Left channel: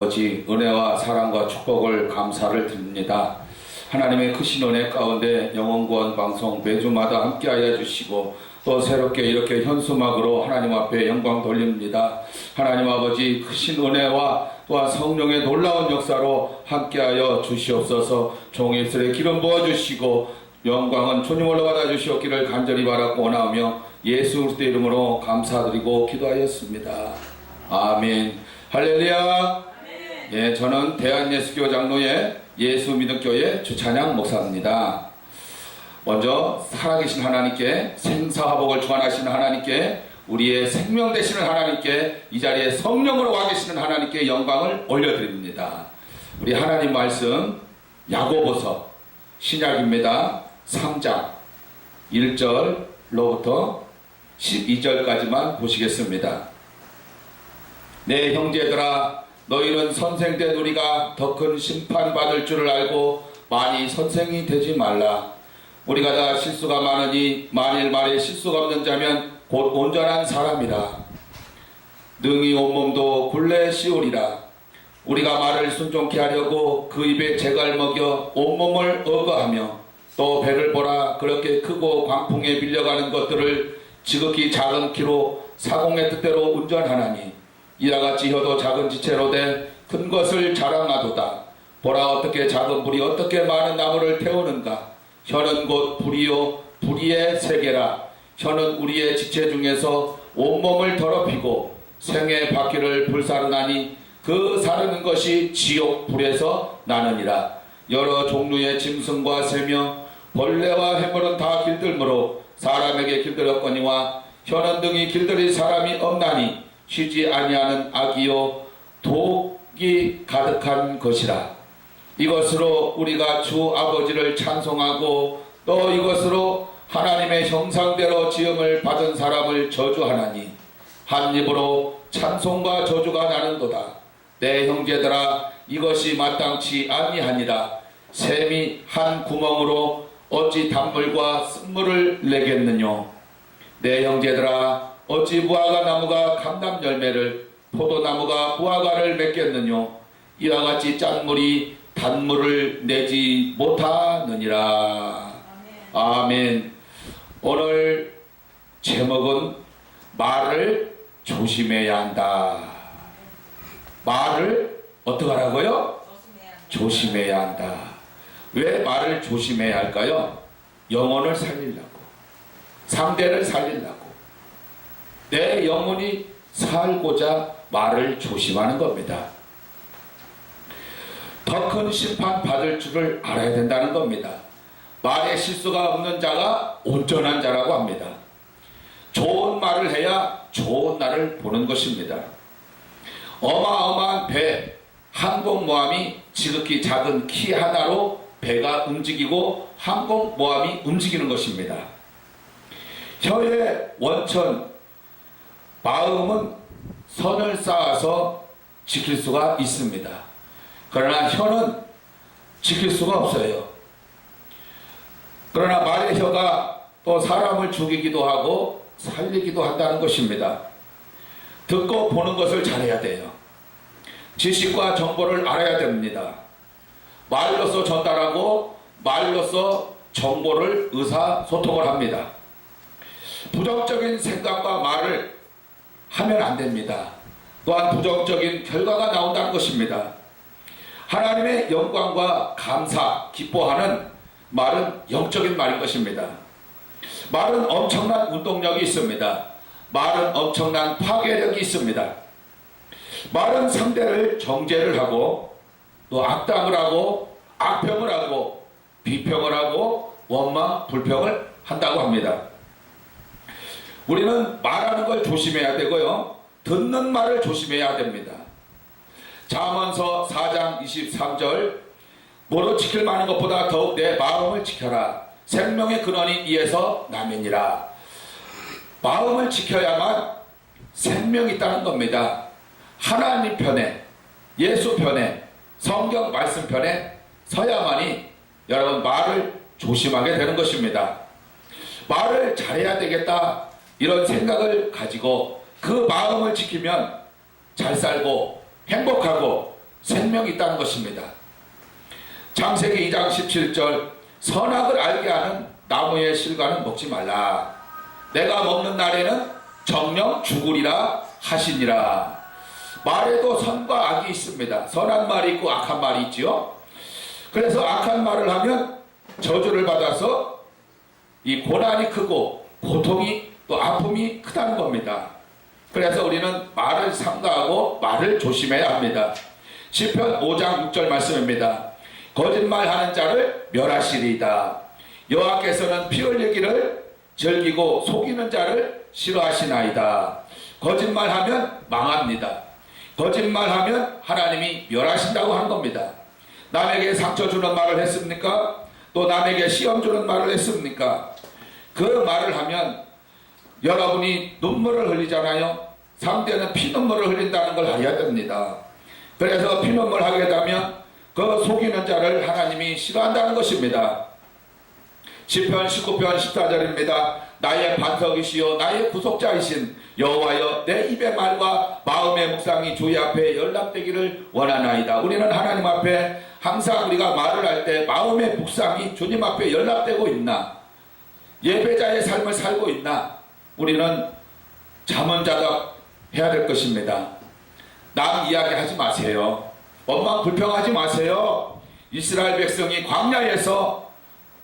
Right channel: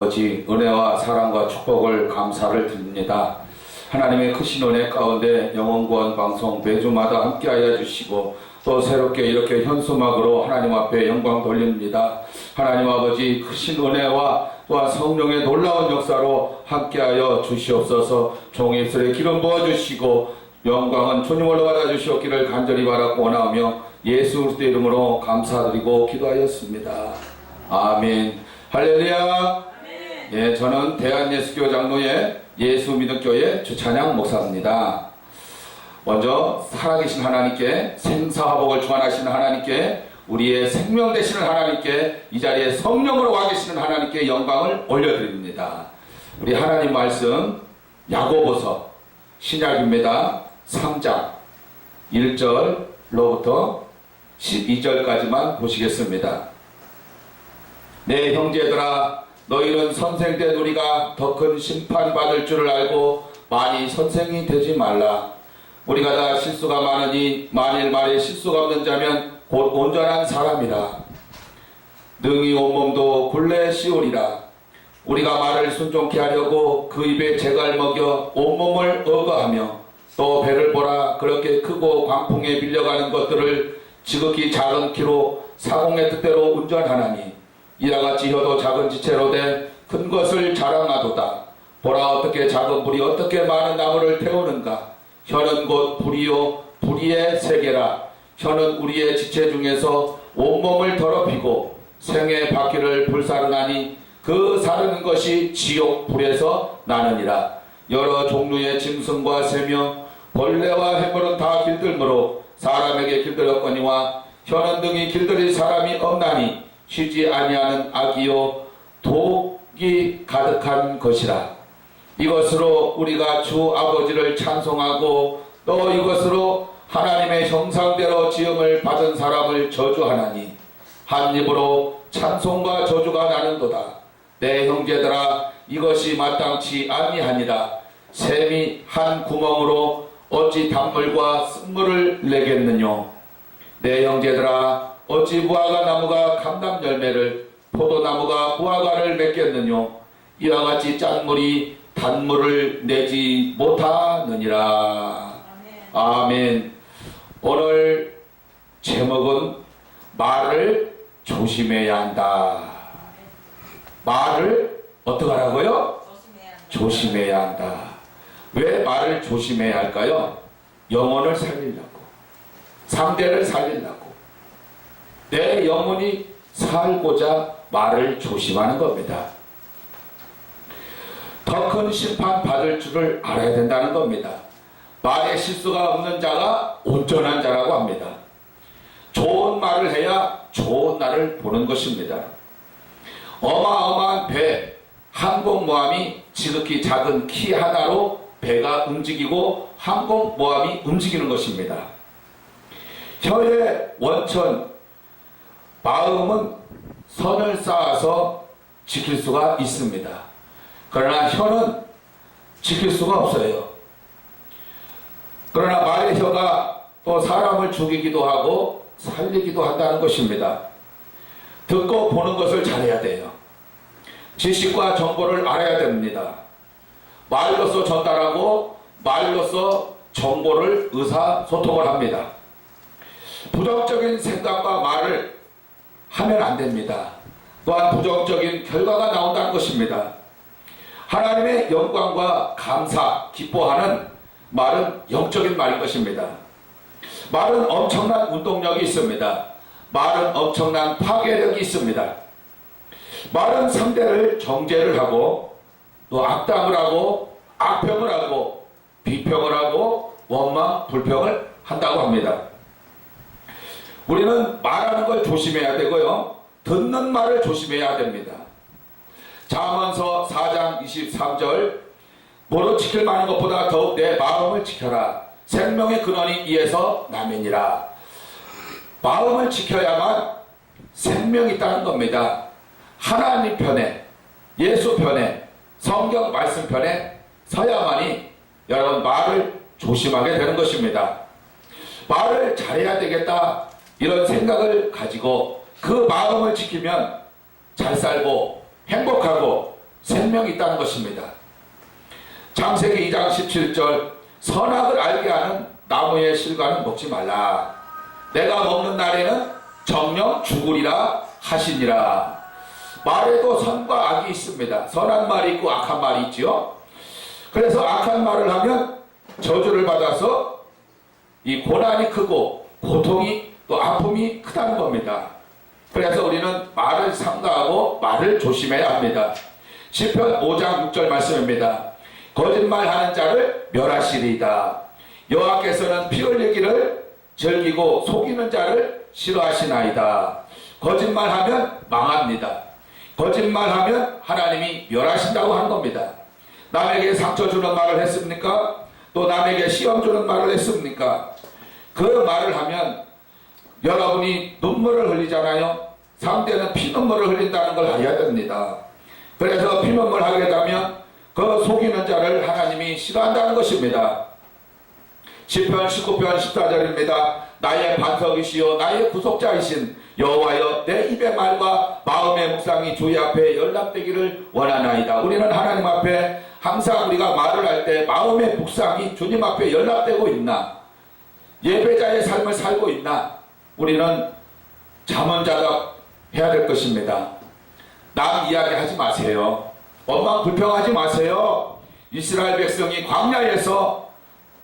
아버지 은혜와 사랑과 축복을 감사를 드립니다. 하나님의 크신 은혜 가운데 영원구원 방송 매주마다 함께하여 주시고 또 새롭게 이렇게 현수막으로 하나님 앞에 영광 돌립니다. 하나님 아버지 크신 은혜와 또한 성령의 놀라운 역사로 함께하여 주시옵소서. 종의 입술에 기름 부어주시고 영광은 주님으로 받아주시옵기를 간절히 바라고 원하며 예수 그리스도의 이름으로 감사드리고 기도하였습니다. 아멘. 할렐루야. 예, 저는 대한예수교 장로의 예수믿음교회 주찬양 목사입니다. 먼저 살아계신 하나님께, 생사화복을 주관하시는 하나님께, 우리의 생명 되시는 하나님께, 이 자리에 성령으로 와 계시는 하나님께 영광을 올려드립니다. 우리 하나님 말씀 야고보서 신약입니다. 3장 1절로부터 12절까지만 보시겠습니다. 내 형제들아, 너희는 선생된 우리가 더 큰 심판받을 줄을 알고 많이 선생이 되지 말라. 우리가 다 실수가 많으니 만일 말에 실수가 없는 자면 곧 온전한 사람이라. 능히 온몸도 굴레 씌우리라. 우리가 말을 순종케 하려고 그 입에 재갈 먹여 온몸을 억어하며 또 배를 보라. 그렇게 크고 광풍에 밀려가는 것들을 지극히 작은 키로 사공의 뜻대로 운전하나니 이와 같이 혀도 작은 지체로 돼 큰 것을 자랑하도다. 보라, 어떻게 작은 불이 어떻게 많은 나무를 태우는가. 혀는 곧 불이요 불의의 세계라. 혀는 우리의 지체 중에서 온몸을 더럽히고 생의 바퀴를 불사르나니 그 사르는 것이 지옥 불에서 나느니라. 여러 종류의 짐승과 새며 벌레와 해물은 다 길들므로 사람에게 길들였거니와 혀는 등이 길들일 사람이 없나니 쉬지 아니하는 악이요 독이 가득한 것이라. 이것으로 우리가 주 아버지를 찬송하고 또 이것으로 하나님의 형상대로 지음을 받은 사람을 저주하나니 한 입으로 찬송과 저주가 나는도다. 내 형제들아, 이것이 마땅치 아니하니라. 샘이 한 구멍으로 어찌 단물과 쓴물을 내겠느뇨. 내 형제들아, 어찌 무화과 나무가 감람 열매를, 포도나무가 무화과를 맺겠느뇨. 이와 같이 짠물이 단물을 내지 못하느니라. 아멘. 오늘 제목은 말을 조심해야 한다. 말을 어떻게 하라고요? 조심해야 한다. 왜 말을 조심해야 할까요? 영혼을 살리려고, 상대를 살리려고, 내 영혼이 살고자 말을 조심하는 겁니다. 더 큰 심판 받을 줄을 알아야 된다는 겁니다. 말에 실수가 없는 자가 온전한 자라고 합니다. 좋은 말을 해야 좋은 날을 보는 것입니다. 어마어마한 배, 항공모함이 지극히 작은 키 하나로 배가 움직이고 항공모함이 움직이는 것입니다. 혀의 원천, 마음은 선을 쌓아서 지킬 수가 있습니다. 그러나 혀는 지킬 수가 없어요. 그러나 말의 혀가 또 사람을 죽이기도 하고 살리기도 한다는 것입니다. 듣고 보는 것을 잘해야 돼요. 지식과 정보를 알아야 됩니다. 말로서 전달하고 말로서 정보를 의사소통을 합니다. 부정적인 생각과 말을 하면 안 됩니다. 또한 부정적인 결과가 나온다는 것입니다. 하나님의 영광과 감사, 기뻐하는 말은 영적인 말인 것입니다. 말은 엄청난 운동력이 있습니다. 말은 엄청난 파괴력이 있습니다. 말은 상대를 정죄를 하고 또 악담을 하고 악평을 하고 비평을 하고 원망, 불평을 한다고 합니다. 우리는 말하는 걸 조심해야 되고요, 듣는 말을 조심해야 됩니다. 잠언서 4장 23절, 뭐로 지킬 만한 것보다 더욱 내 마음을 지켜라. 생명의 근원이 이에서 나면이라. 마음을 지켜야만 생명이 있다는 겁니다. 하나님 편에, 예수 편에, 성경 말씀 편에 서야만이 여러분 말을 조심하게 되는 것입니다. 말을 잘해야 되겠다, 이런 생각을 가지고 그 마음을 지키면 잘 살고 행복하고 생명이 있다는 것입니다. 창세기 2장 17절 선악을 알게 하는 나무의 실과는 먹지 말라. 내가 먹는 날에는 정녕 죽으리라 하시니라. 말에도 선과 악이 있습니다. 선한 말이 있고 악한 말이 있지요. 그래서 악한 말을 하면 저주를 받아서 이 고난이 크고 고통이 또 아픔이 크다는 겁니다. 그래서 우리는 말을 삼가하고 말을 조심해야 합니다. 시편 5장 6절 말씀입니다. 거짓말하는 자를 멸하시리이다. 여호와께서는 피 흘리기를 즐기고 속이는 자를 싫어하시나이다. 거짓말하면 망합니다. 거짓말하면 하나님이 멸하신다고 하는 겁니다. 남에게 상처 주는 말을 했습니까? 또 남에게 시험 주는 말을 했습니까? 그 말을 하면 여러분이 눈물을 흘리잖아요. 상대는 피눈물을 흘린다는 걸 알아야 됩니다. 그래서 피눈물 하게 되면 그 속이는 자를 하나님이 싫어한다는 것입니다. 시편 19편 14절입니다. 나의 반석이시요 나의 구속자이신 여호와여 내 입의 말과 마음의 묵상이 주의 앞에 연락되기를 원하나이다. 우리는 하나님 앞에 항상 우리가 말을 할 때 마음의 묵상이 주님 앞에 연락되고 있나? 예배자의 삶을 살고 있나? 우리는 자문자답 해야 될 것입니다. 남 이야기하지 마세요. 원망 불평하지 마세요. 이스라엘 백성이 광야에서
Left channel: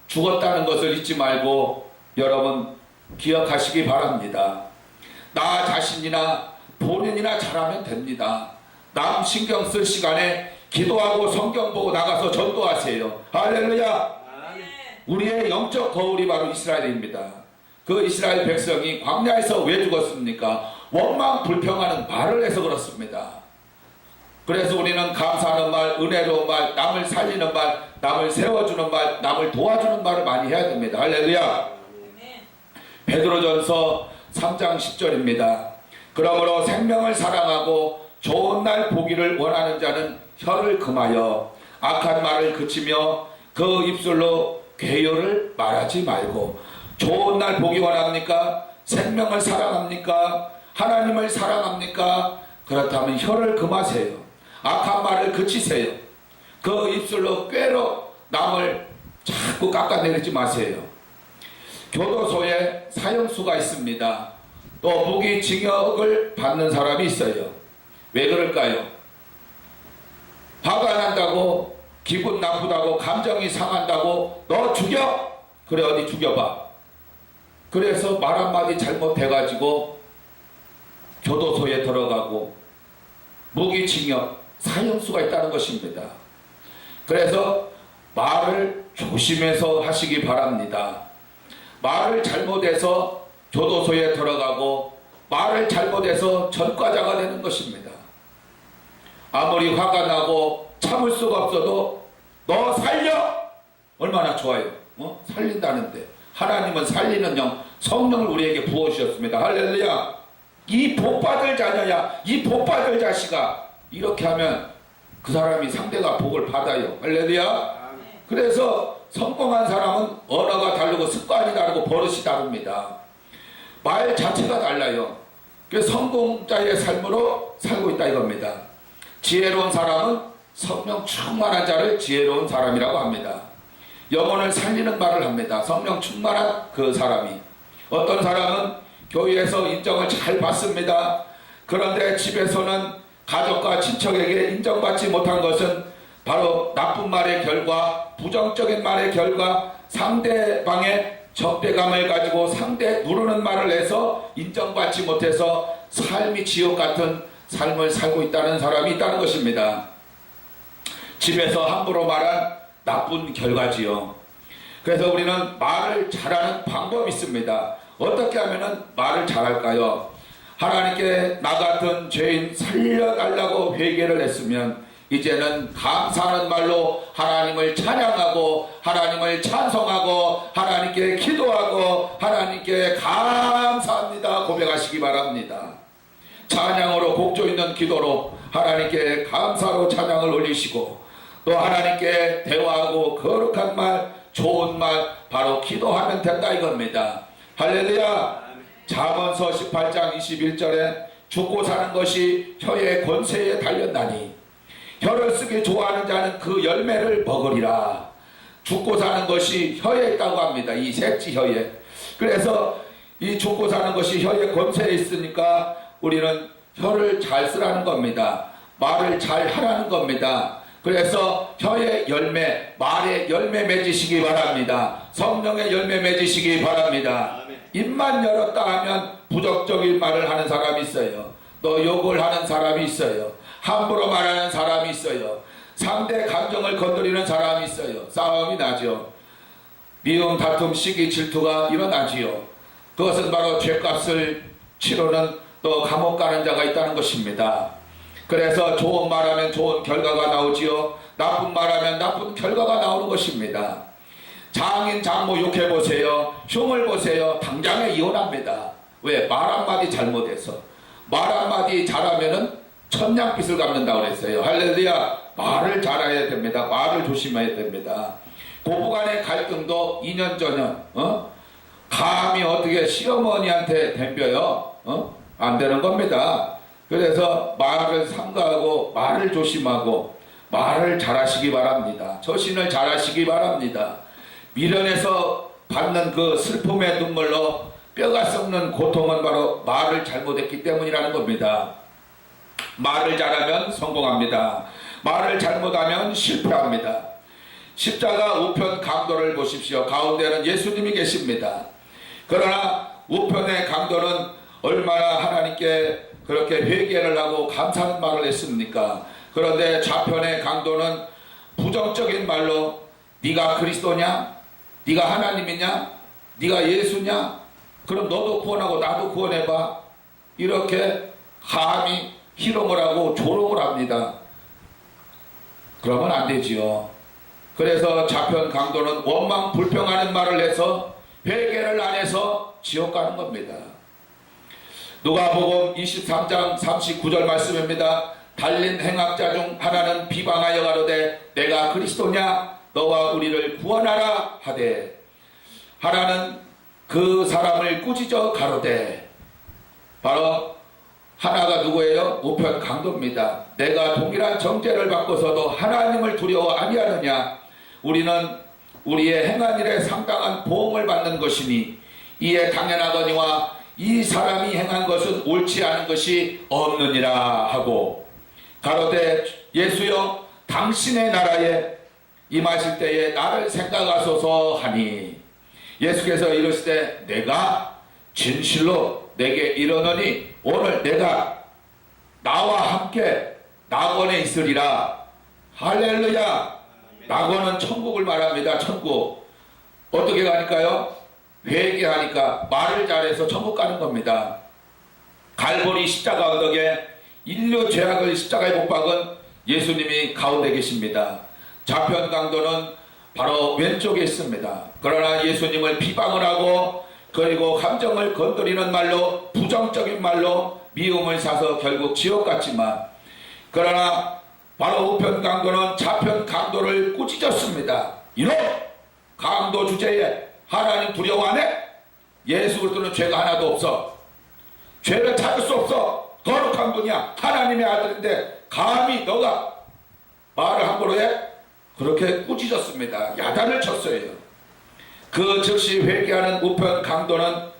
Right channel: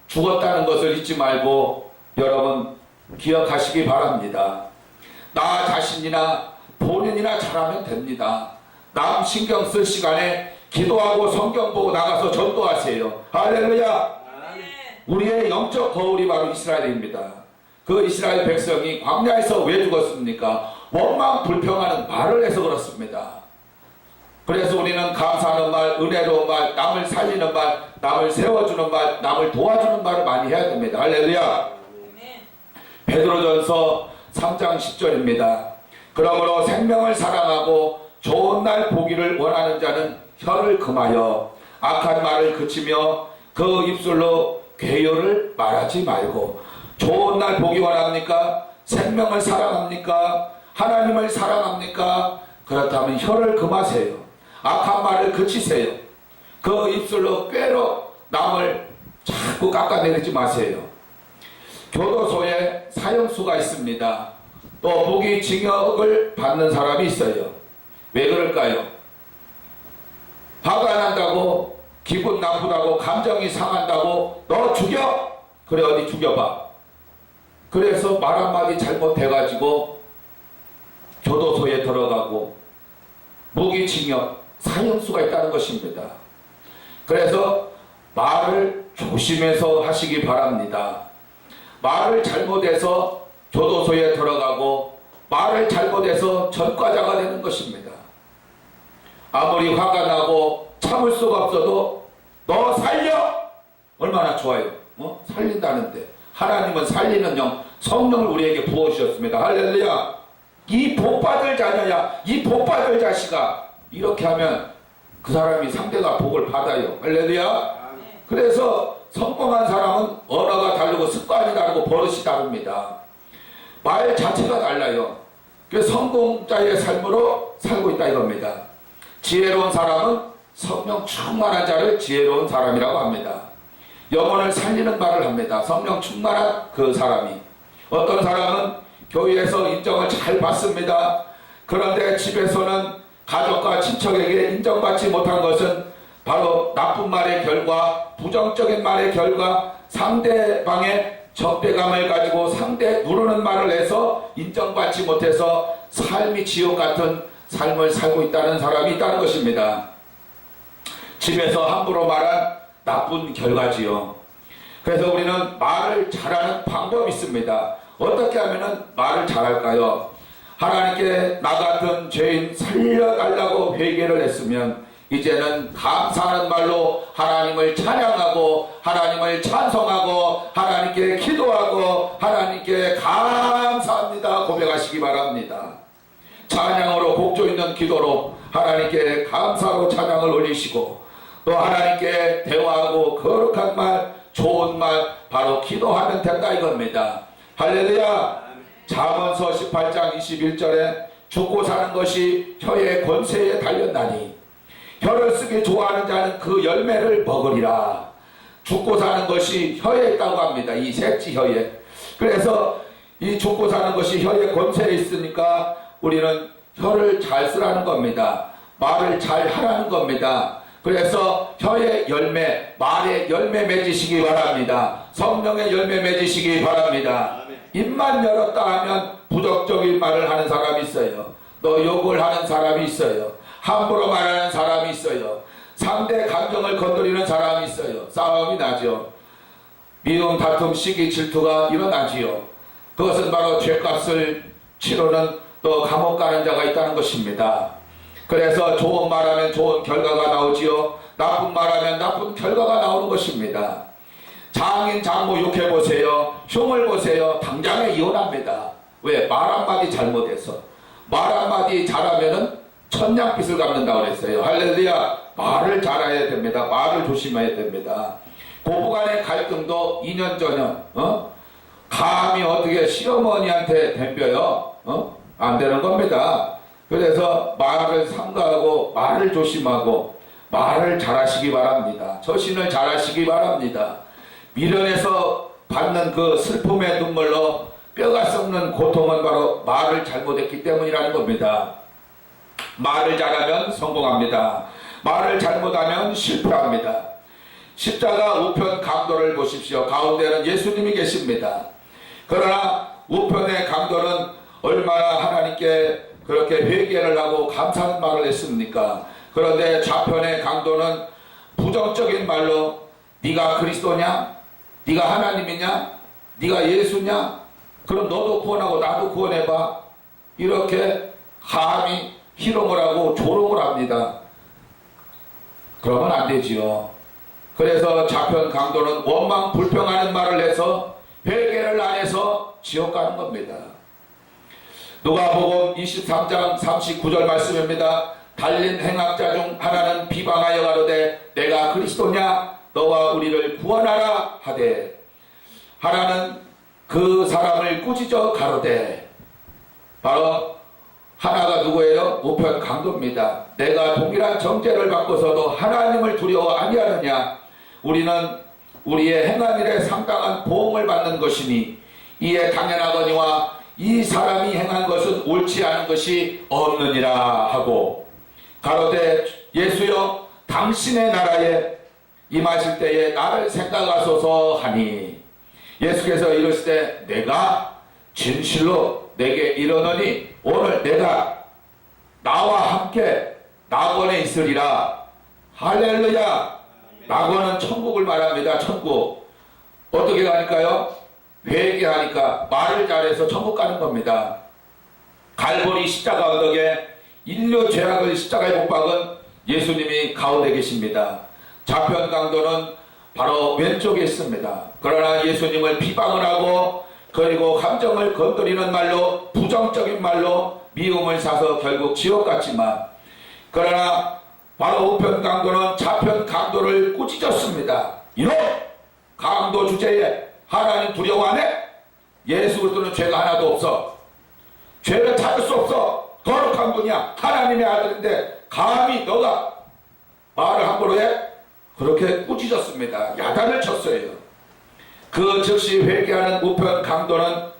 죽었다는 것을 잊지 말고 여러분 기억하시기 바랍니다. 나 자신이나 본인이나 잘하면 됩니다. 남 신경 쓸 시간에 기도하고 성경 보고 나가서 전도하세요. 할렐루야. 우리의 영적 거울이 바로 이스라엘입니다. 그 이스라엘 백성이 광야에서 왜 죽었습니까? 원망 불평하는 말을 해서 그렇습니다. 그래서 우리는 감사하는 말, 은혜로운 말, 남을 살리는 말, 남을 세워주는 말, 남을 도와주는 말을 많이 해야 됩니다. 할렐루야. 베드로전서 3장 10절입니다. 그러므로 생명을 사랑하고 좋은 날 보기를 원하는 자는 혀를 금하여 악한 말을 그치며 그 입술로 괴효를 말하지 말고. 좋은 날 보기 원합니까? 생명을 사랑합니까? 하나님을 사랑합니까? 그렇다면 혀를 금하세요. 악한 말을 그치세요. 그 입술로 꾀로 남을 자꾸 깎아내리지 마세요. 교도소에 사형수가 있습니다. 또 무기징역을 받는 사람이 있어요. 왜 그럴까요? 화가 난다고, 기분 나쁘다고, 감정이 상한다고 너 죽여? 그래 어디 죽여봐. 그래서 말 한마디 잘못해가지고 교도소에 들어가고 무기징역, 사형수가 있다는 것입니다. 그래서 말을 조심해서 하시기 바랍니다. 말을 잘못해서 교도소에 들어가고 말을 잘못해서 전과자가 되는 것입니다. 아무리 화가 나고 참을 수가 없어도 너 살려! 얼마나 좋아요. 살린다는데 하나님은 살리는 영, 성령을 우리에게 부어주셨습니다. 할렐루야. 이 복받을 자녀야, 이 복받을 자식아, 이렇게 하면 그 사람이 상대가 복을 받아요. 할렐루야. 그래서 성공한 사람은 언어가 다르고 습관이 다르고 버릇이 다릅니다. 말 자체가 달라요. 그래서 성공자의 삶으로 살고 있다 이겁니다. 지혜로운 사람은 성령 충만한 자를 지혜로운 사람이라고 합니다. 영혼을 살리는 말을 합니다. 성령 충만한 그 사람이. 어떤 사람은 교회에서 인정을 잘 받습니다. 그런데 집에서는 가족과 친척에게 인정받지 못한 것은 바로 나쁜 말의 결과, 부정적인 말의 결과, 상대방의 적대감을 가지고 상대 누르는 말을 해서 인정받지 못해서 삶이 지옥 같은 삶을 살고 있다는 사람이 있다는 것입니다. 집에서 함부로 말한 나쁜 결과지요. 그래서 우리는 말을 잘하는 방법이 있습니다. 어떻게 하면 말을 잘할까요? 하나님께 나 같은 죄인 살려달라고 회개를 했으면 이제는 감사하는 말로 하나님을 찬양하고 하나님을 찬송하고 하나님께 기도하고 하나님께 감사합니다 고백하시기 바랍니다. 찬양으로 곡조 있는 기도로 하나님께 감사로 찬양을 올리시고 또 하나님께 대화하고 거룩한 말, 좋은 말 바로 기도하면 된다 이겁니다. 할렐루야. 잠언서 18장 21절에 죽고 사는 것이 혀의 권세에 달렸나니 혀를 쓰기 좋아하는 자는 그 열매를 먹으리라. 죽고 사는 것이 혀에 있다고 합니다. 이 셋째 혀에. 그래서 이 죽고 사는 것이 혀에 권세에 있으니까 우리는 혀를 잘 쓰라는 겁니다. 말을 잘 하라는 겁니다. 그래서 혀의 열매, 말의 열매 맺으시기 바랍니다. 성령의 열매 맺으시기 바랍니다. 입만 열었다 하면 부정적인 말을 하는 사람이 있어요. 또 욕을 하는 사람이 있어요. 함부로 말하는 사람이 있어요. 상대 감정을 건드리는 사람이 있어요. 싸움이 나죠. 미움, 다툼, 시기, 질투가 일어나지요. 그것은 바로 죄값을 치르는 또 감옥 가는 자가 있다는 것입니다. 그래서 좋은 말하면 좋은 결과가 나오지요. 나쁜 말하면 나쁜 결과가 나오는 것입니다. 장인 장모 욕해보세요. 흉을 보세요. 당장에 이혼합니다. 왜? 말 한마디 잘못해서. 말 한마디 잘하면은 천냥빚을 갚는다고 그랬어요. 할렐루야. 말을 잘해야 됩니다. 말을 조심해야 됩니다. 고부간의 갈등도 2년 전년 감히 어떻게 시어머니한테 덤벼요? 안 되는 겁니다. 그래서 말을 삼가하고 말을 조심하고 말을 잘하시기 바랍니다. 처신을 잘하시기 바랍니다. 미련에서 받는 그 슬픔의 눈물로 뼈가 썩는 고통은 바로 말을 잘못했기 때문이라는 겁니다. 말을 잘하면 성공합니다. 말을 잘못하면 실패합니다. 십자가 우편 강도를 보십시오. 가운데는 예수님이 계십니다. 그러나 우편의 강도는 얼마나 하나님께 그렇게 회개를 하고 감사하는 말을 했습니까? 그런데 좌편의 강도는 부정적인 말로 네가 그리스도냐? 네가 하나님이냐? 네가 예수냐? 그럼 너도 구원하고 나도 구원해봐. 이렇게 감히 희롱을 하고 조롱을 합니다. 그러면 안 되지요. 그래서 좌편 강도는 원망 불평하는 말을 해서 회개를 안 해서 지옥 가는 겁니다. 누가복음 23장 39절 말씀입니다. 달린 행악자 중 하나는 비방하여 가로되 내가 그리스도냐 너와 우리를 구원하라 하되 하나는 그 사람을 꾸짖어 가로되 바로 하나가 누구예요? 우편 강도입니다. 내가 동일한 정죄를 받고서도 하나님을 두려워 아니하느냐? 우리는 우리의 행한 일에 상당한 보응을 받는 것이니 이에 당연하거니와 이 사람이 행한 것은 옳지 않은 것이 없느니라 하고 가로되 예수여 당신의 나라에 임하실 때에 나를 생각하소서 하니 예수께서 이르시되 내가 진실로 내게 이르노니 오늘 내가 나와 함께 낙원에 있으리라. 할렐루야. 낙원은 천국을 말합니다. 천국. 어떻게 가니까요? 회개하니까 말을 잘해서 천국 가는 겁니다. 갈보리 십자가 언덕에 인류 죄악을 십자가에 못 박은 예수님이 가운데 계십니다. 좌편 강도는 바로 왼쪽에 있습니다. 그러나 예수님을 비방을 하고 그리고 감정을 건드리는 말로 부정적인 말로 미움을 사서 결국 지옥 갔지만 그러나 바로 우편 강도는 좌편 강도를 꾸짖었습니다. 이놈 강도 주제에 하나님 두려워 안 해? 예수 그리스도는 죄가 하나도 없어. 죄를 찾을 수 없어. 거룩한 분이야. 하나님의 아들인데 감히 너가 말을 함부로 해? 그렇게 꾸짖었습니다. 야단을 쳤어요. 그 즉시 회개하는 우편 강도는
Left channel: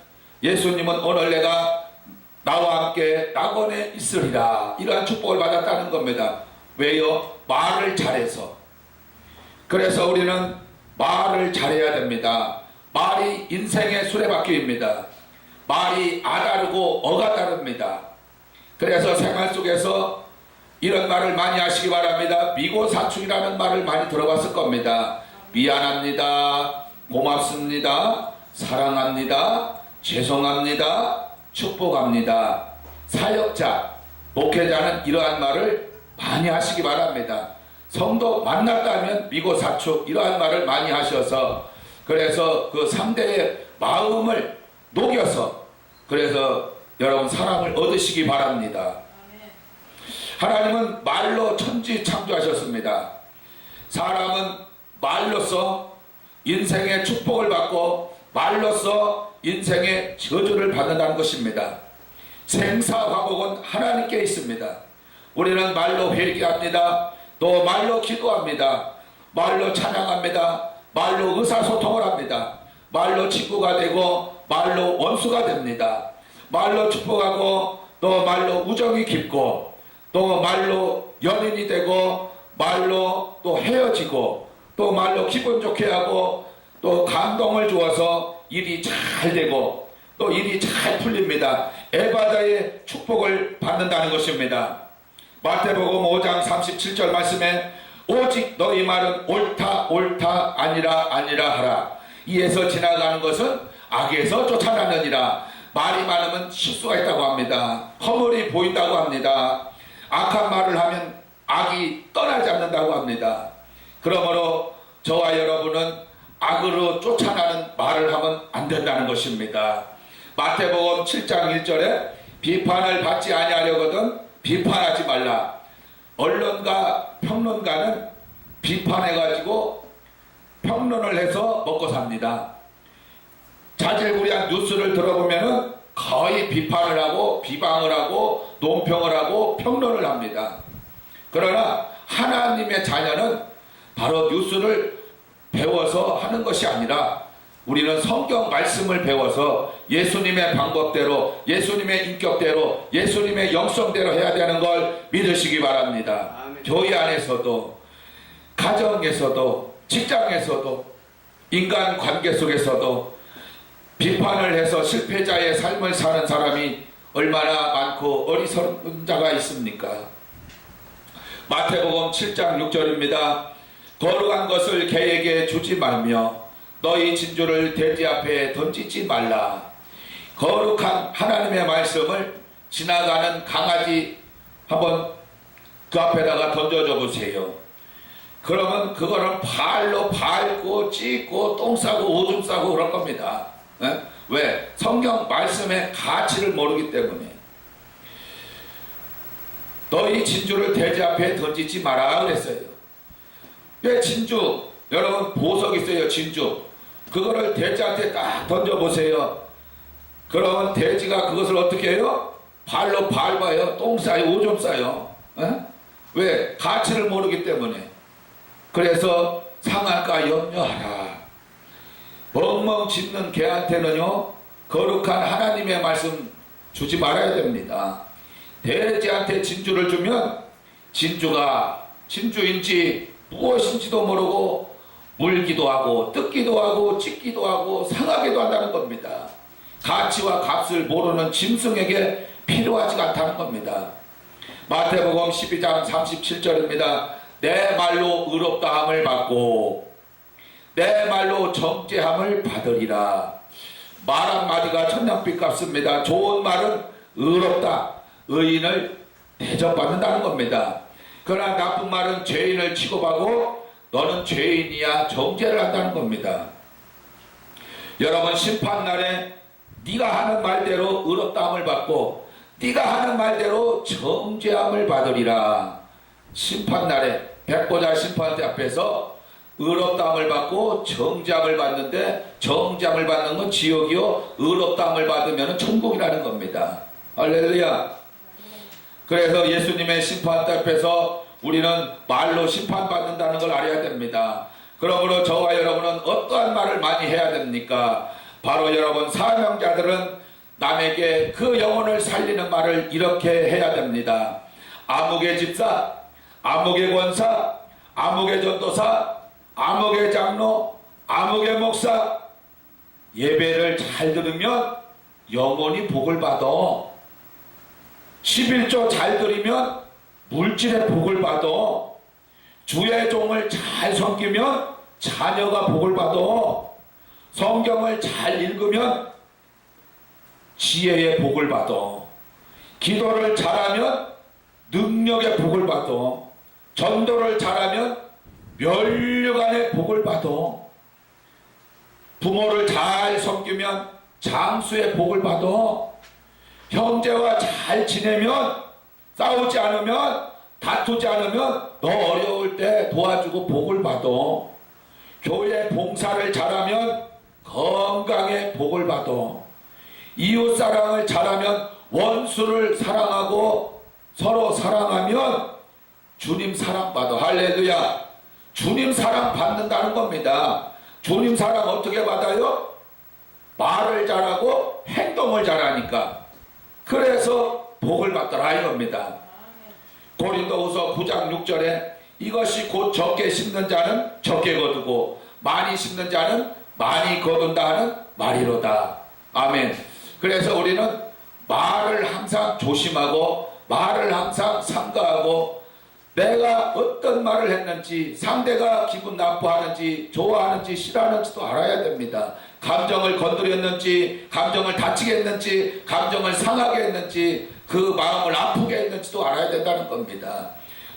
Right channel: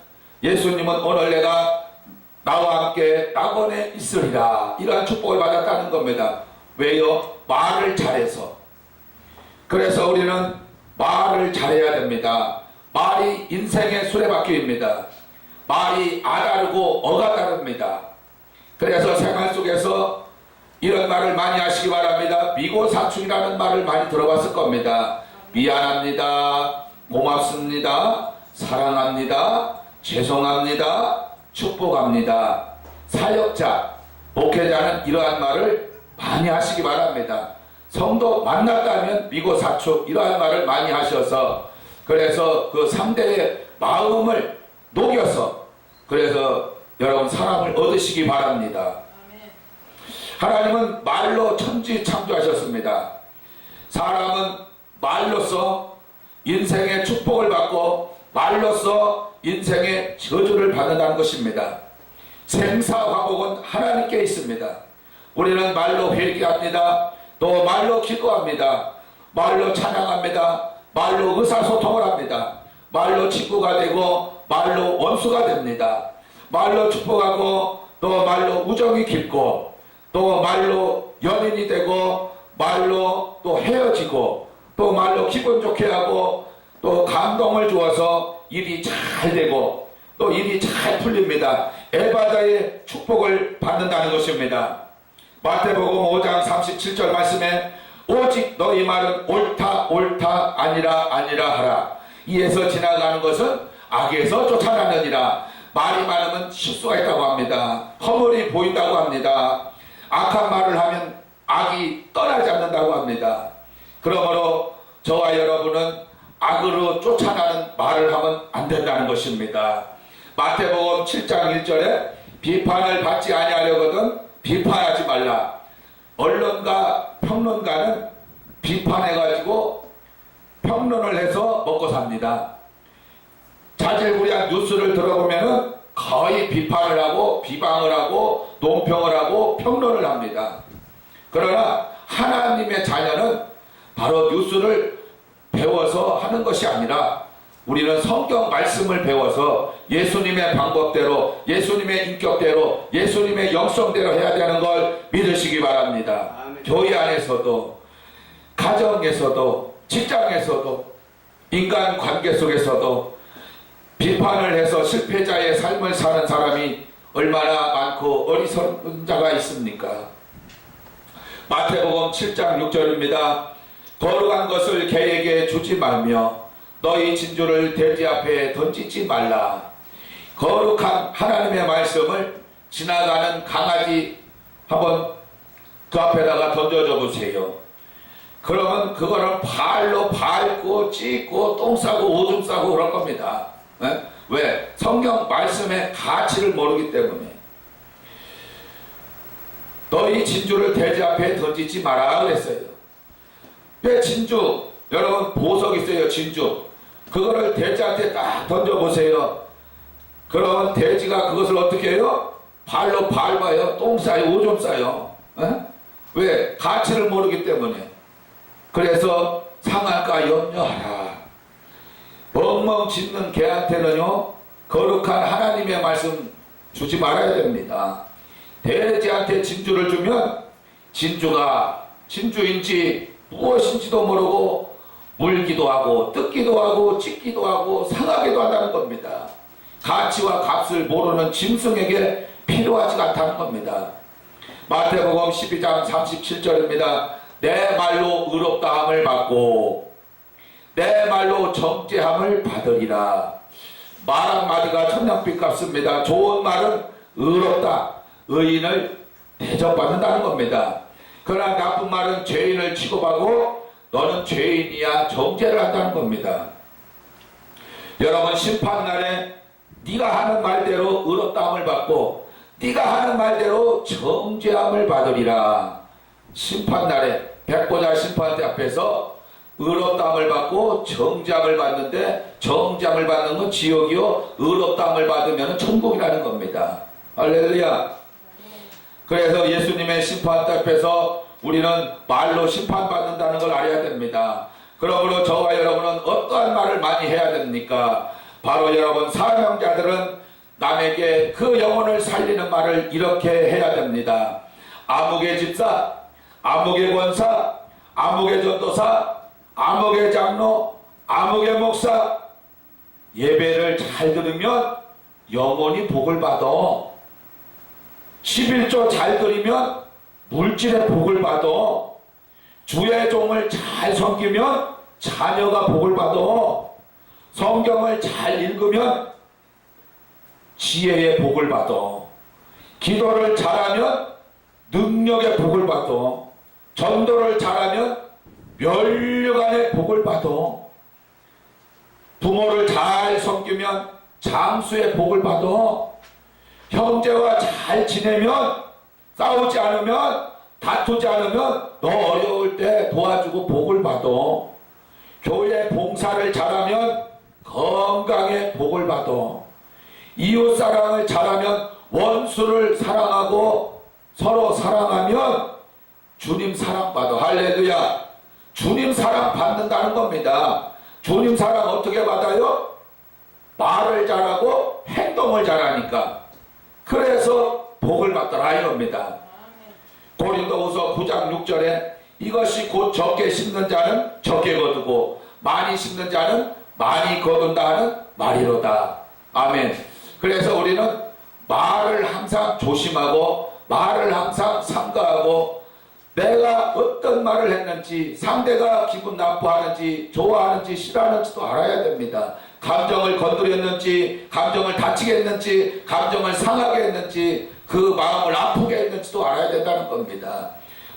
예수님은 오늘 내가 나와 함께 낙원에 있으리라 이러한 축복을 받았다는 겁니다. 왜요? 말을 잘해서. 그래서 우리는 말을 잘해야 됩니다. 말이 인생의 수레바퀴입니다. 말이 아다르고 어가 다릅니다. 그래서 생활 속에서 이런 말을 많이 하시기 바랍니다. 미고사축이라는 말을 많이 들어봤을 겁니다. 미안합니다. 고맙습니다. 사랑합니다. 죄송합니다. 축복합니다. 사역자, 목회자는 이러한 말을 많이 하시기 바랍니다. 성도 만났다면 미고사축 이러한 말을 많이 하셔서 그래서 그 상대의 마음을 녹여서 그래서 여러분 사랑을 얻으시기 바랍니다. 하나님은 말로 천지 창조하셨습니다. 사람은 말로써 인생의 축복을 받고 말로써 인생의 저주를 받는다는 것입니다. 생사화복은 하나님께 있습니다. 우리는 말로 회개합니다. 또 말로 기도합니다. 말로 찬양합니다. 말로 의사소통을 합니다. 말로 친구가 되고 말로 원수가 됩니다. 말로 축복하고 또 말로 우정이 깊고 또 말로 연인이 되고 말로 또 헤어지고 또 말로 기분 좋게 하고 또 감동을 주어서 일이 잘 되고 또 일이 잘 풀립니다. 에바다의 축복을 받는다는 것입니다. 마태복음 5장 37절 말씀에 오직 너희 말은 옳다 옳다 아니라 아니라 하라. 이에서 지나가는 것은 악에서 쫓아나느니라. 말이 많으면 실수가 있다고 합니다. 허물이 보인다고 합니다. 악한 말을 하면 악이 떠나지 않는다고 합니다. 그러므로 저와 여러분은 악으로 쫓아나는 말을 하면 안 된다는 것입니다. 마태복음 7장 1절에 비판을 받지 아니하려거든 비판하지 말라. 언론가 평론가는 비판해가지고 평론을 해서 먹고 삽니다. 자질구레한 뉴스를 들어보면은 거의 비판을 하고 비방을 하고 논평을 하고 평론을 합니다. 그러나 하나님의 자녀는 바로 뉴스를 배워서 하는 것이 아니라 우리는 성경 말씀을 배워서 예수님의 방법대로 예수님의 인격대로 예수님의 영성대로 해야 되는 걸 믿으시기 바랍니다. 아멘. 교회 안에서도 가정에서도 직장에서도 인간관계 속에서도 비판을 해서 실패자의 삶을 사는 사람이 얼마나 많고 어리석은 자가 있습니까? 마태복음 7장 6절입니다. 거룩한 것을 개에게 주지 말며 너희 진주를 돼지 앞에 던지지 말라. 거룩한 하나님의 말씀을 지나가는 강아지 한번 그 앞에다가 던져줘 보세요. 그러면 그거는 발로 밟고 찢고 똥 싸고 오줌 싸고 그럴 겁니다. 네? 왜? 성경 말씀의 가치를 모르기 때문에. 너희 진주를 돼지 앞에 던지지 마라 그랬어요. 왜 진주? 여러분 보석 있어요. 진주. 그거를 돼지한테 딱 던져보세요. 그러면 돼지가 그것을 어떻게 해요? 발로 밟아요. 똥 싸요. 오줌 싸요. 에? 왜? 가치를 모르기 때문에. 그래서 상할까 염려하라. 멍멍 짖는 개한테는요 거룩한 하나님의 말씀 주지 말아야 됩니다. 돼지한테 진주를 주면 진주가 진주인지 무엇인지도 모르고 물기도 하고 뜯기도 하고 찢기도 하고 상하기도 한다는 겁니다. 가치와 값을 모르는 짐승에게 필요하지 않다는 겁니다. 마태복음 12장 37절입니다. 내 말로 의롭다함을 받고 내 말로 정죄함을 받으리라. 말 한마디가 천냥빛 값습니다. 좋은 말은 의롭다. 의인을 대접받는다는 겁니다. 그러나 나쁜 말은 죄인을 취급하고 너는 죄인이야 정죄를 한다는 겁니다. 여러분 심판날에 네가 하는 말대로 의롭다함을 받고 네가 하는 말대로 정죄함을 받으리라. 심판날에 백보자 심판대 앞에서 의롭다함을 받고 정죄함을 받는데 정죄함을 받는 건 지옥이요 의롭다함을 받으면 천국이라는 겁니다. 할렐루야. 그래서 예수님의 심판대 앞에서 우리는 말로 심판받는다는 걸 알아야 됩니다. 그러므로 저와 여러분은 어떠한 말을 많이 해야 됩니까? 바로 여러분 사명자들은 남에게 그 영혼을 살리는 말을 이렇게 해야 됩니다. 아무개 집사, 아무개 권사, 아무개 전도사, 아무개 장로, 아무개 목사 예배를 잘 들으면 영혼이 복을 받아. 11조 잘 들으면 물질의 복을 받아. 주의 종을 잘 섬기면 자녀가 복을 받아. 성경을 잘 읽으면 지혜의 복을 받아. 기도를 잘하면 능력의 복을 받아. 전도를 잘하면 면류관의 복을 받아. 부모를 잘 섬기면 장수의 복을 받아. 형제와 잘 지내면 싸우지 않으면 다투지 않으면 너 어려울 때 도와주고 복을 받아. 교회 봉사를 잘하면 건강에 복을 받아. 이웃사랑을 잘하면 원수를 사랑하고 서로 사랑하면 주님 사랑받아. 할렐루야. 주님 사랑받는다는 겁니다. 주님 사랑 어떻게 받아요? 말을 잘하고 행동을 잘하니까. 그래서 복을 받더라 이겁니다. 고린도후서 9장 6절에 이것이 곧 적게 심는 자는 적게 거두고 많이 심는 자는 많이 거둔다 하는 말이로다. 아멘. 그래서 우리는 말을 항상 조심하고 말을 항상 삼가하고 내가 어떤 말을 했는지 상대가 기분 나빠하는지 좋아하는지 싫어하는지도 알아야 됩니다. 감정을 건드렸는지 감정을 다치게 했는지 감정을 상하게 했는지 그 마음을 아프게 했는지도 알아야 된다는 겁니다.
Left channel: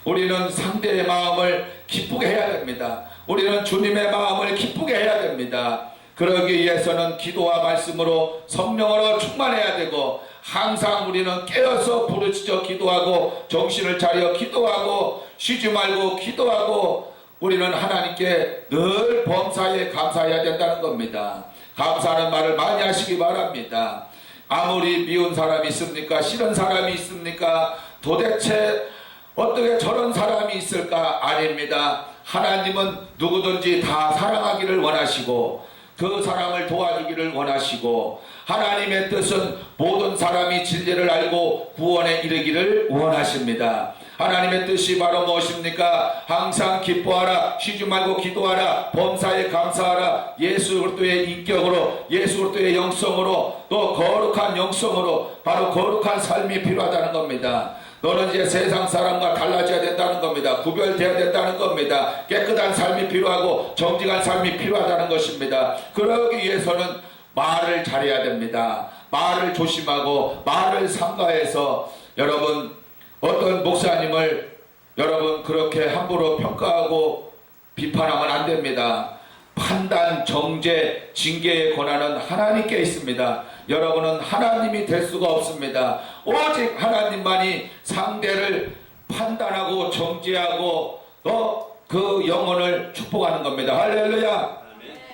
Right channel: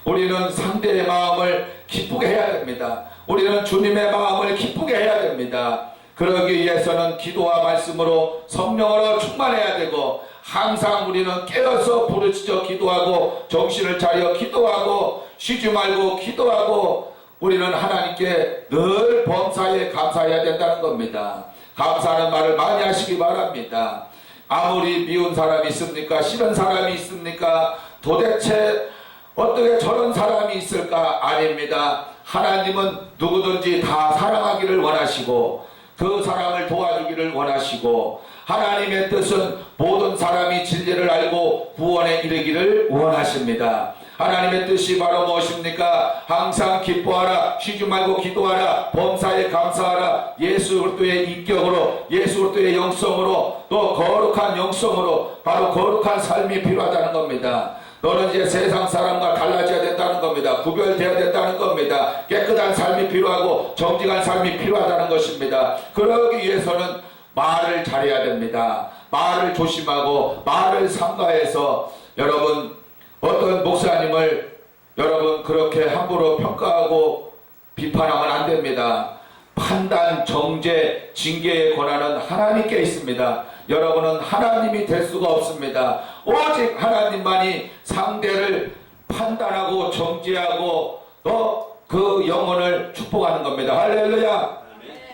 우리는 상대의 마음을 기쁘게 해야 됩니다. 우리는 주님의 마음을 기쁘게 해야 됩니다. 그러기 위해서는 기도와 말씀으로 성령으로 충만해야 되고 항상 우리는 깨어서 부르짖어 기도하고 정신을 차려 기도하고 쉬지 말고 기도하고 우리는 하나님께 늘 범사에 감사해야 된다는 겁니다. 감사하는 말을 많이 하시기 바랍니다. 아무리 미운 사람이 있습니까? 싫은 사람이 있습니까? 도대체 어떻게 저런 사람이 있을까? 아닙니다. 하나님은 누구든지 다 사랑하기를 원하시고 그 사람을 도와주기를 원하시고 하나님의 뜻은 모든 사람이 진리를 알고 구원에 이르기를 원하십니다. 하나님의 뜻이 바로 무엇입니까? 항상 기뻐하라, 쉬지 말고 기도하라, 범사에 감사하라, 예수 그리스도의 인격으로, 예수 그리스도의 영성으로, 또 거룩한 영성으로 바로 거룩한 삶이 필요하다는 겁니다. 너는 이제 세상 사람과 달라져야 된다는 겁니다. 구별되어야 된다는 겁니다. 깨끗한 삶이 필요하고 정직한 삶이 필요하다는 것입니다. 그러기 위해서는 말을 잘해야 됩니다. 말을 조심하고 말을 삼가해서 여러분 어떤 목사님을 여러분 그렇게 함부로 평가하고 비판하면 안 됩니다. 판단, 정죄, 징계의 권한은 하나님께 있습니다. 여러분은 하나님이 될 수가 없습니다. 오직 하나님만이 상대를 판단하고 정죄하고 또 그 영혼을 축복하는 겁니다. 할렐루야.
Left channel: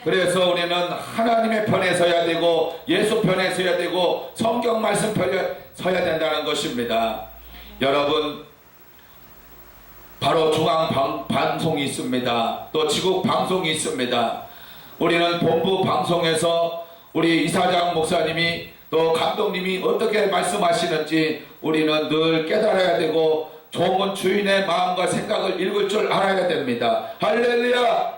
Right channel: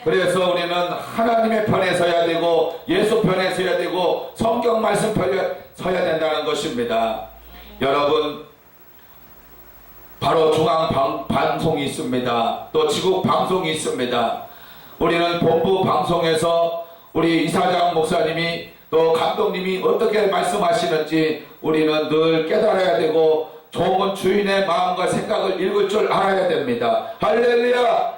그래서 우리는 하나님의 편에 서야 되고 예수 편에 서야 되고 성경 말씀 편에 서야 된다는 것입니다. 여러분 바로 중앙 방송이 있습니다. 또 지국 방송이 있습니다. 우리는 본부 방송에서 우리 이사장 목사님이 또 감독님이 어떻게 말씀하시는지 우리는 늘 깨달아야 되고 좋은 주인의 마음과 생각을 읽을 줄 알아야 됩니다. 할렐루야.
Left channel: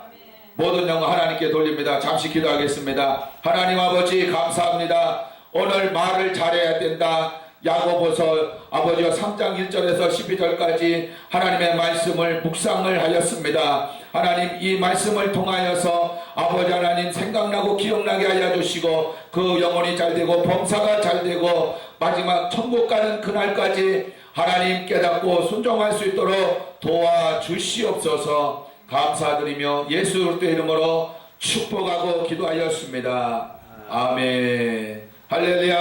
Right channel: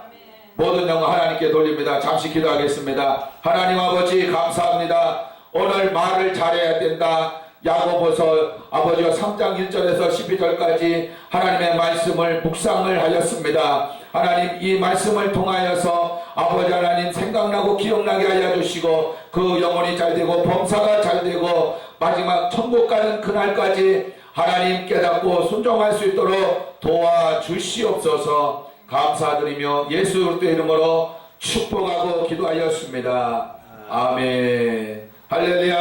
모든 영광 하나님께 돌립니다. 잠시 기도하겠습니다. 하나님 아버지 감사합니다. 오늘 말을 잘해야 된다. 야고보서 아버지와 3장 1절에서 12절까지 하나님의 말씀을 묵상을 하였습니다. 하나님 이 말씀을 통하여서 아버지 하나님 생각나고 기억나게 하여 주시고 그 영혼이 잘되고 범사가 잘되고 마지막 천국 가는 그날까지 하나님 깨닫고 순종할 수 있도록 도와주시옵소서. 감사드리며 예수 그리스도의 이름으로 축복하고 기도하였습니다. 아멘. 할렐루야.